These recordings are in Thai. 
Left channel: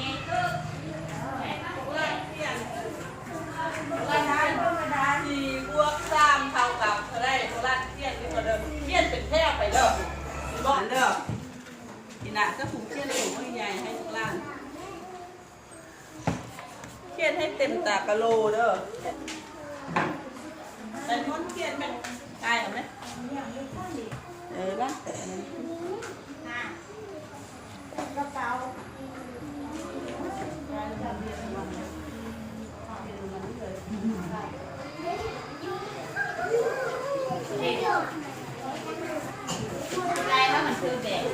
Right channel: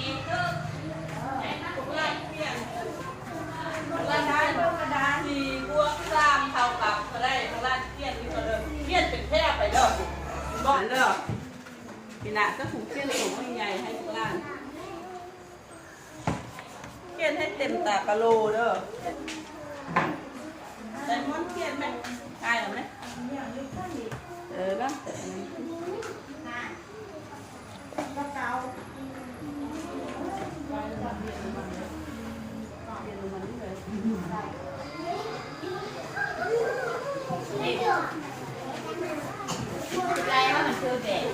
สี่บวกสามเท่ากับเท่าไรโบราณเทียนที่มาเดิมเทียนเป็นแท่ไปเด้อบอกเด้อทีน่ะก็ถูกเทียนถูกที่ใหญ่ให้โบราณเทียนให้เต็มตากะโลเด้อแต่ม้วนเทียนไหมตายหรือไม่นะก็เกาอะไรว่ามันคือแบบ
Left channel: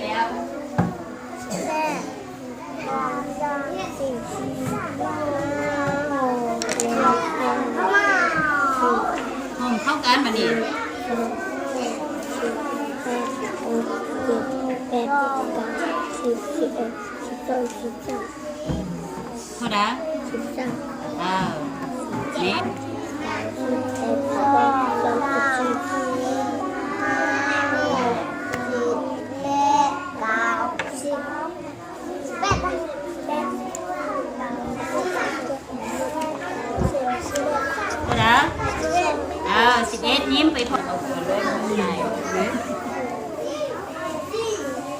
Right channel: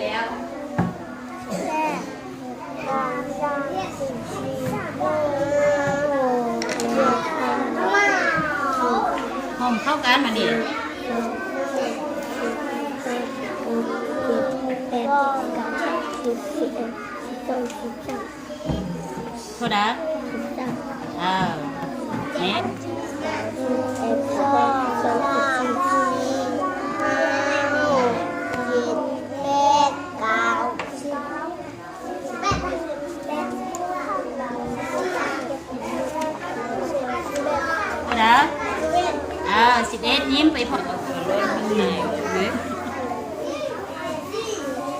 แล้วห้องเข้ากันมาดิพอได้เนี่ย11ยิ้มไปพอ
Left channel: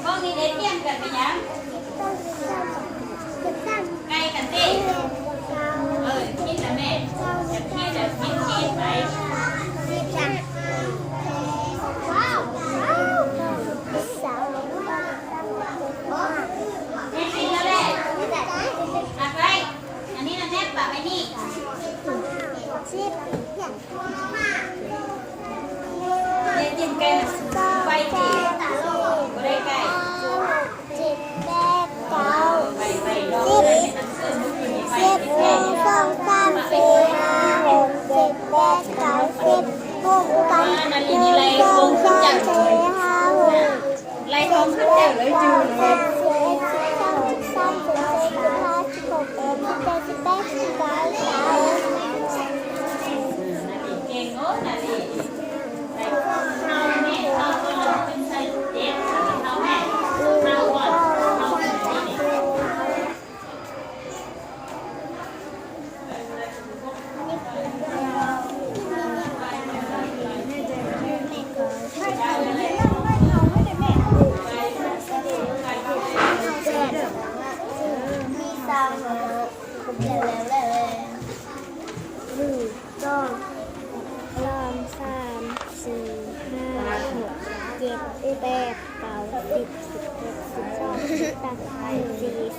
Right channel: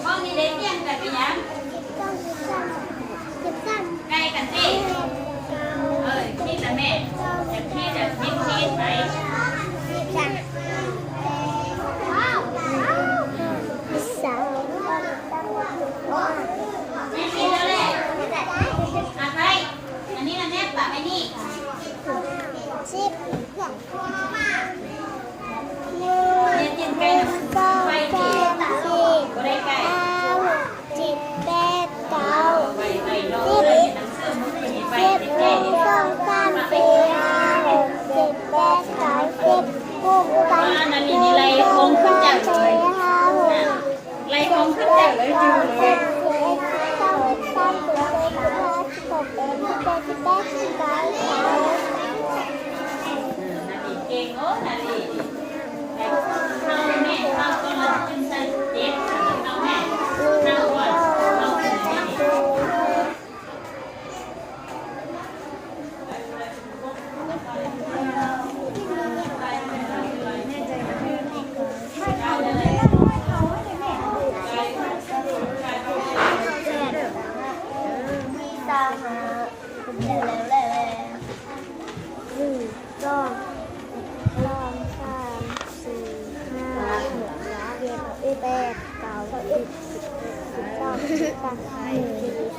ห้องนี้เด็กเยี่ยมกันไปยังใกล้กันสิพี่แต่แม่แต่พี่แต่ยิ้มคิดไหมนี่แล้วแหละไปอันนี้นะแม่ปะไปนี่เนี่ยจิ้มแกงไปดีก็ได้ไก่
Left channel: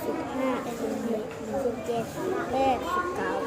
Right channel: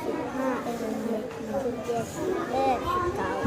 15 16 17 18 19